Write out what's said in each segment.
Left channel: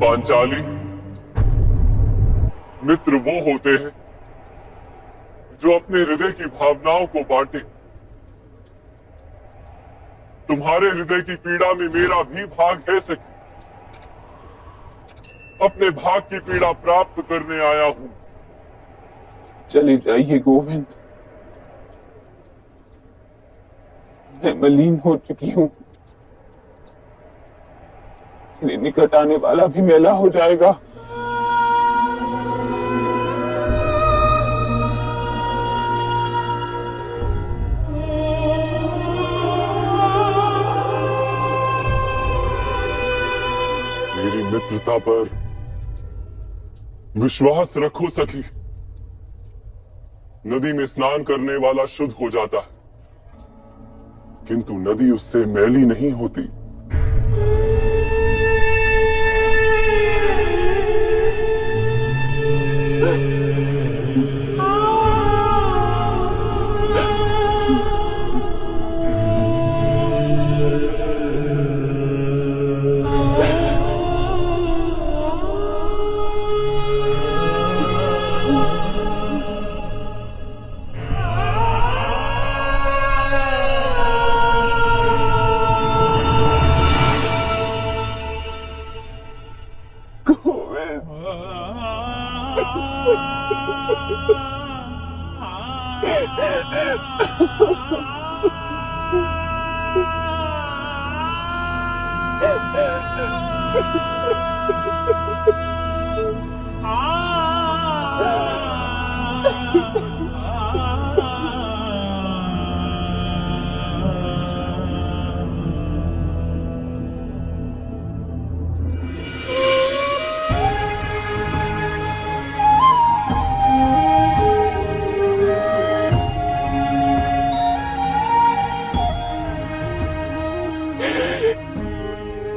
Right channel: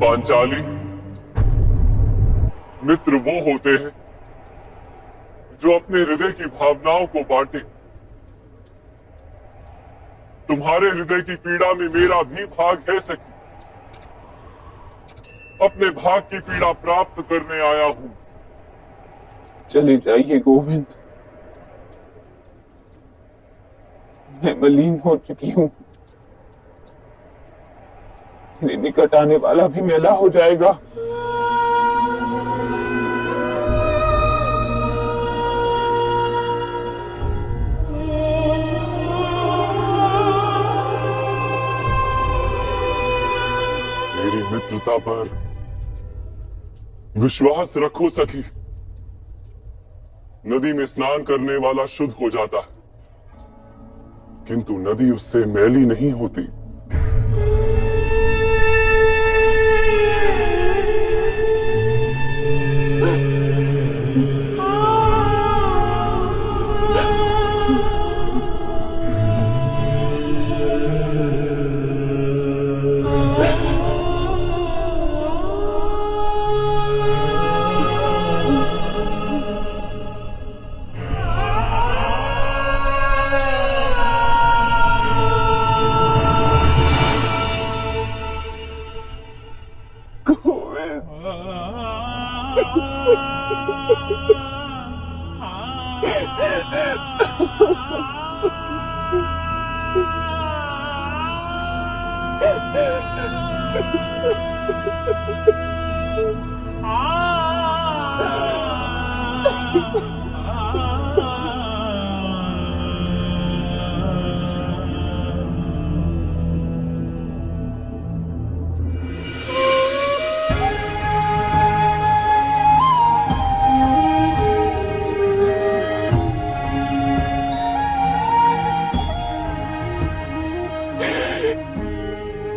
पांचाली, मित्र वो होते हैं जो अपने हृदय की भावनाओं को बांटे। तुम्हारे हृदय की पीड़ा में मेरा भी भाग है सखी। अपने भाग की पीड़ा प्राप्त करने आया हूं। चले जाइए गोविंद, मैं मलिन हो चुकी हूं। तेरे निकट आने वाला भी मैला हो जाएगा। मेरी मित्रता पर विश्वास रखो सखी। नदी में स्नान करने वाला शुद्ध हो जाता है, किंतु नदी उससे मैली नहीं होती।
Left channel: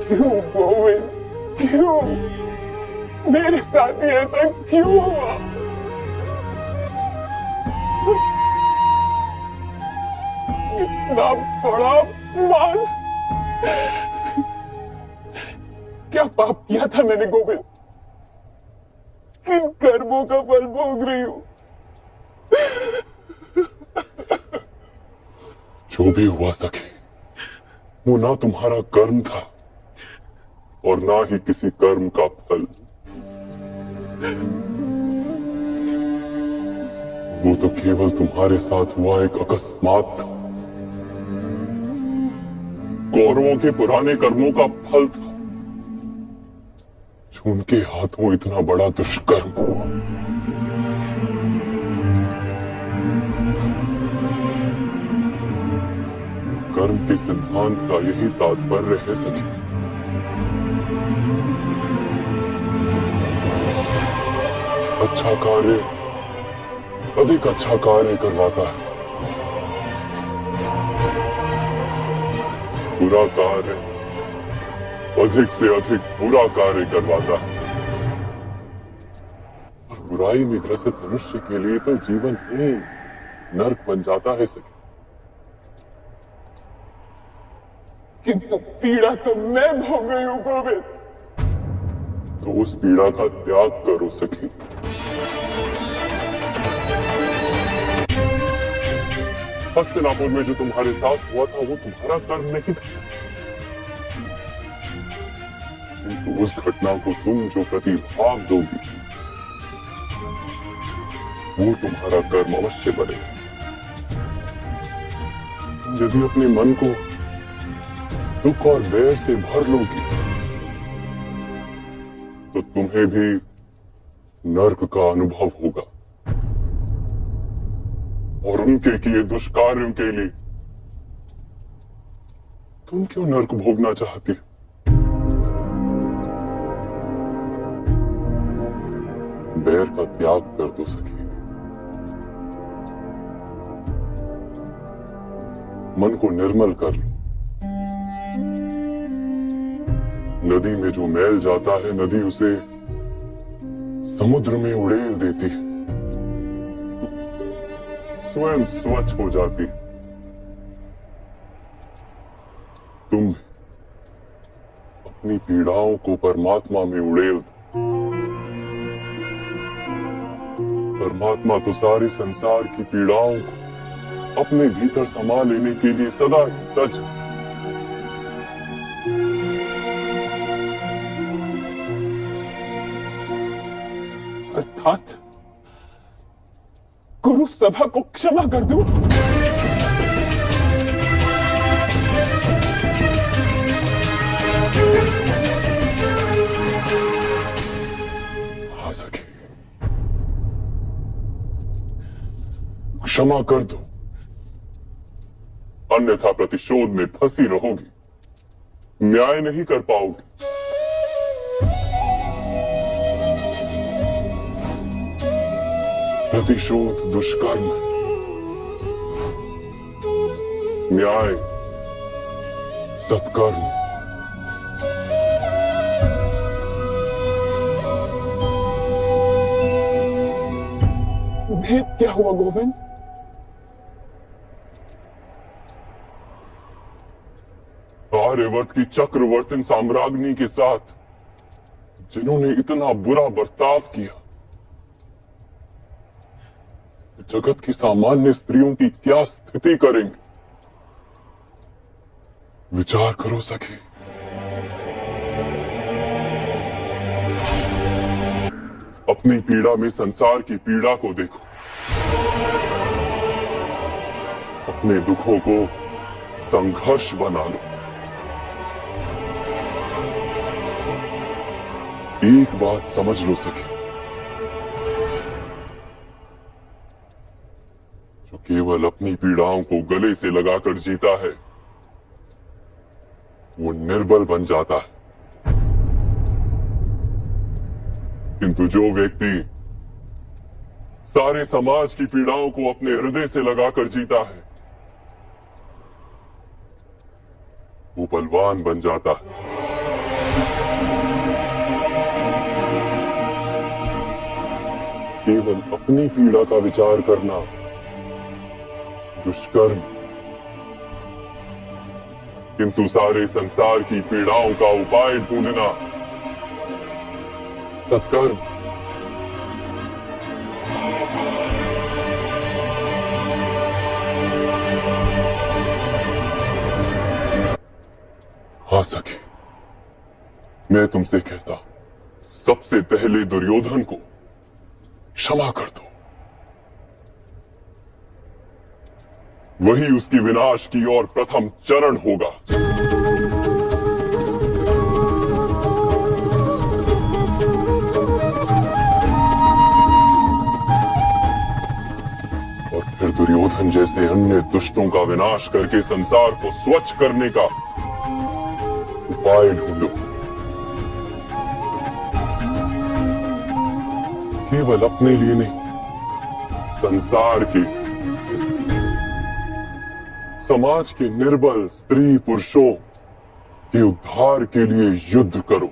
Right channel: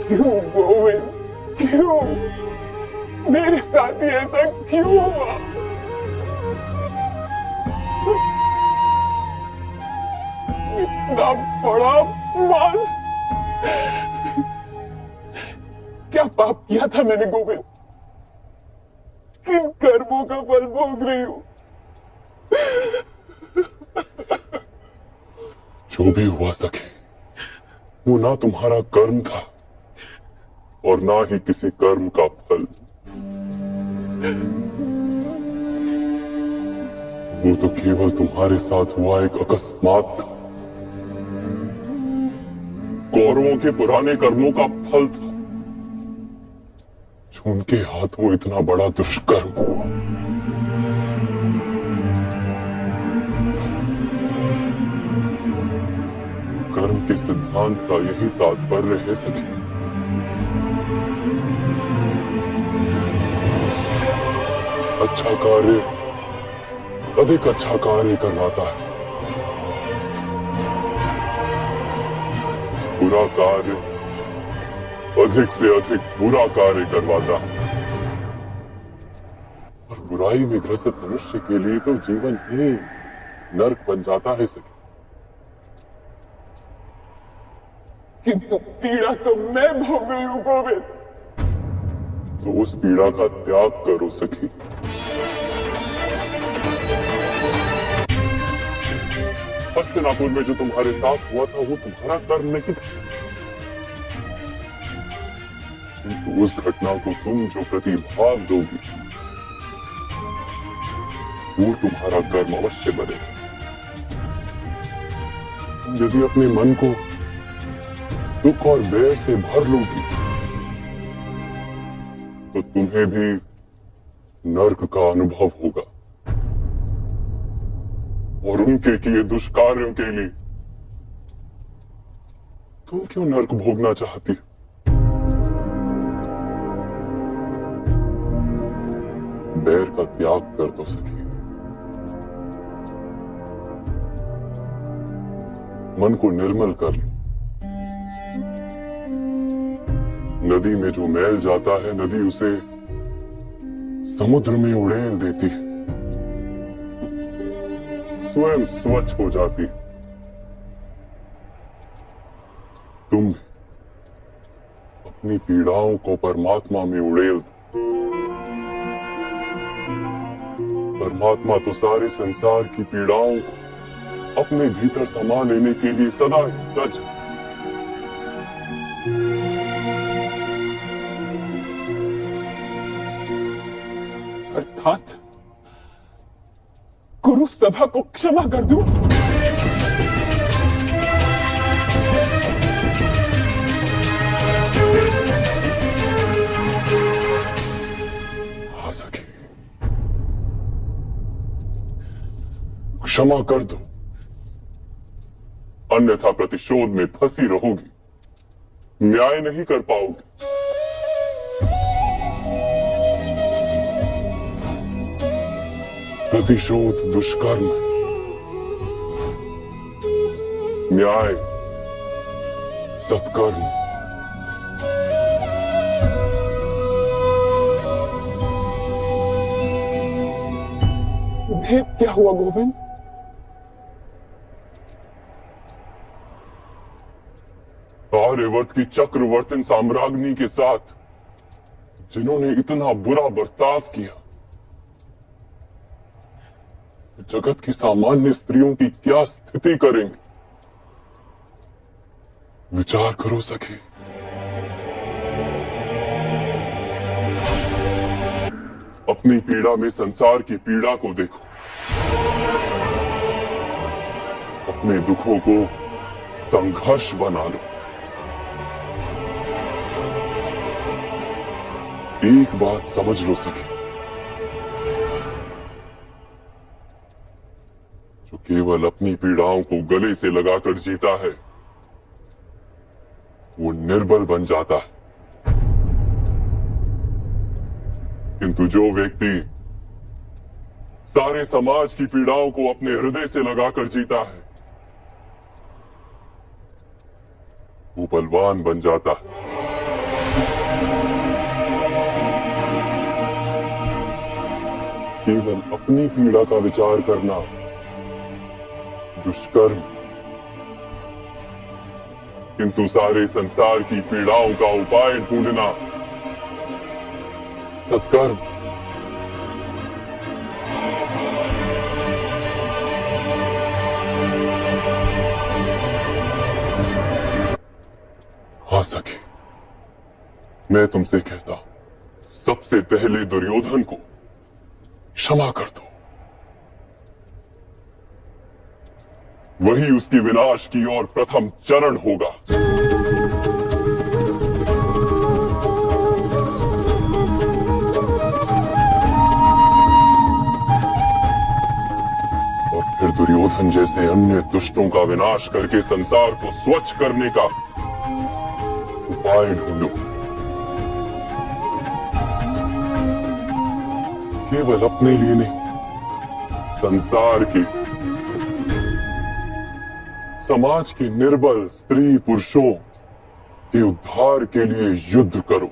क्यों गोविंद, क्यों मेरे साथ ही ऐसा क्यों हुआ? इतना बड़ा मान, क्या पाप किया था मैंने गोविंद? किन कर्मों का फल भोग रही हूं? जो भी हुआ सके, वो ना तुम्हारा कर्म था और ना ही किसी कर्म का फल। वो तो केवल तुम्हारे साथ हुआ एक अकस्मात था। कौरवों के पुराने कर्मों का फल था, जो उनके हाथों इतना बड़ा दुष्कर्म हुआ। कर्म के सिद्धांत का यही तात्पर्य है सखी। अच्छा कार्य अधिक अच्छा कार्य करवाता है, बुरा कार्य अधिक से अधिक बुरा कार्य करवाता है। और बुराई में ग्रसित मनुष्य के लिए तो जीवन ही नर्क बन जाता है सखी। किंतु पीड़ा तो मैं भोग रही हूं गोविंद। तो उस पीड़ा का त्याग करो सखी। हस्तिनापुर में जो तुम्हारे साथ हुआ था वो तुम्हारा कर्म नहीं था, किंतु उस घटना को तुम जो प्रतिभाव दोगी वो तुम्हारा कर्म अवश्य बनेगा। तुम यदि अपने मन को दुख और वैर से भर लोगी तो तुम्हें भी नर्क का अनुभव होगा। और उनके किए दुष्कार्यों के लिए तुम क्यों नर्क भोगना चाहती हो? बैर का त्याग कर दो सखी। मन को निर्मल कर लो। नदी में जो मैल जाता है, नदी उसे समुद्र में उड़ेल देती है, स्वयं स्वच्छ हो जाती है। तुम अपनी पीड़ाओं को परमात्मा में उड़ेल दो। परमात्मा तो सारे संसार की पीड़ाओं को अपने भीतर समा लेने के लिए सदा ही सज है। अर्थात गुरु सभा को क्षमा कर दूं। आ सके क्षमा कर दो, अन्यथा प्रतिशोध में फंसी रहोगी, न्याय नहीं कर पाओगी। प्रतिशोध दुष्कर्म है, न्याय सत्कर्म। भेद क्या हुआ गोविंद? आर्यवर्त की चक्रवर्तिन साम्राज्ञी के साथ जिन्होंने इतना बुरा बर्ताव किया, जगत की सामान्य स्त्रियों की क्या स्थिति करेंगे? विचार करो सखी। अपनी पीड़ा में संसार की पीड़ा को देखो, अपने दुखों को संघर्ष बना लो। एक बात समझ लो सखी, जो केवल अपनी पीड़ाओं को गले से लगाकर जीता है, वो निर्बल बन जाता है। किंतु जो व्यक्ति सारे समाज की पीड़ाओं को अपने हृदय से लगाकर जीता है, वो बलवान बन जाता है। केवल अपनी पीड़ा का विचार करना दुष्कर्म, किंतु सारे संसार की पीड़ाओं का उपाय ढूंढना सत्कर्म। हाँ सखी, मैं तुमसे कहता हूं, सबसे पहले दुर्योधन को क्षमा कर दो। वही उसकी विनाश की ओर प्रथम चरण होगा। और फिर दुर्योधन जैसे अन्य दुष्टों का विनाश करके संसार को स्वच्छ करने का उपाय ढूंढो। केवल अपने लिए नहीं, संसार के, समाज के निर्बल स्त्री पुरुषों के उद्धार के लिए युद्ध करो।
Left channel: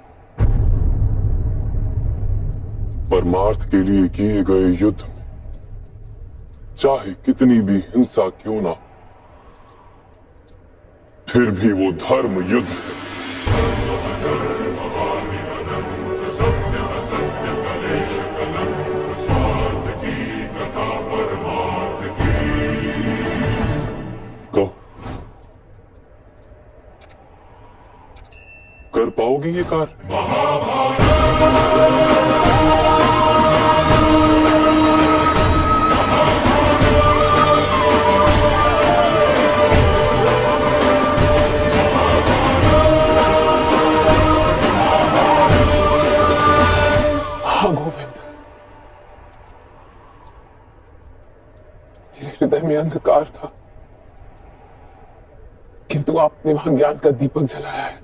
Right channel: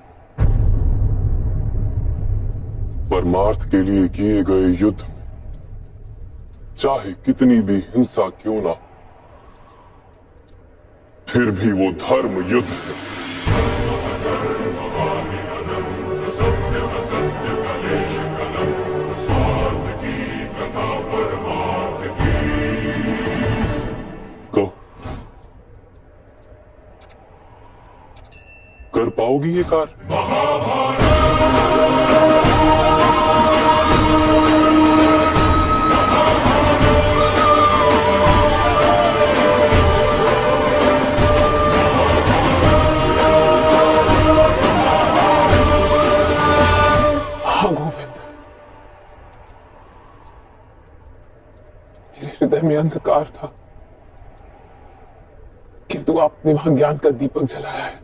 परमार्थ के लिए किए गए युद्ध में चाहे कितनी भी हिंसा क्यों ना, फिर भी वो धर्म युद्ध है। कर पाओगी ये कार्य? हाँ गोविंद, मेरे हृदय में अंधकार था, किंतु आपने वहां ज्ञान का दीपक जलाया है।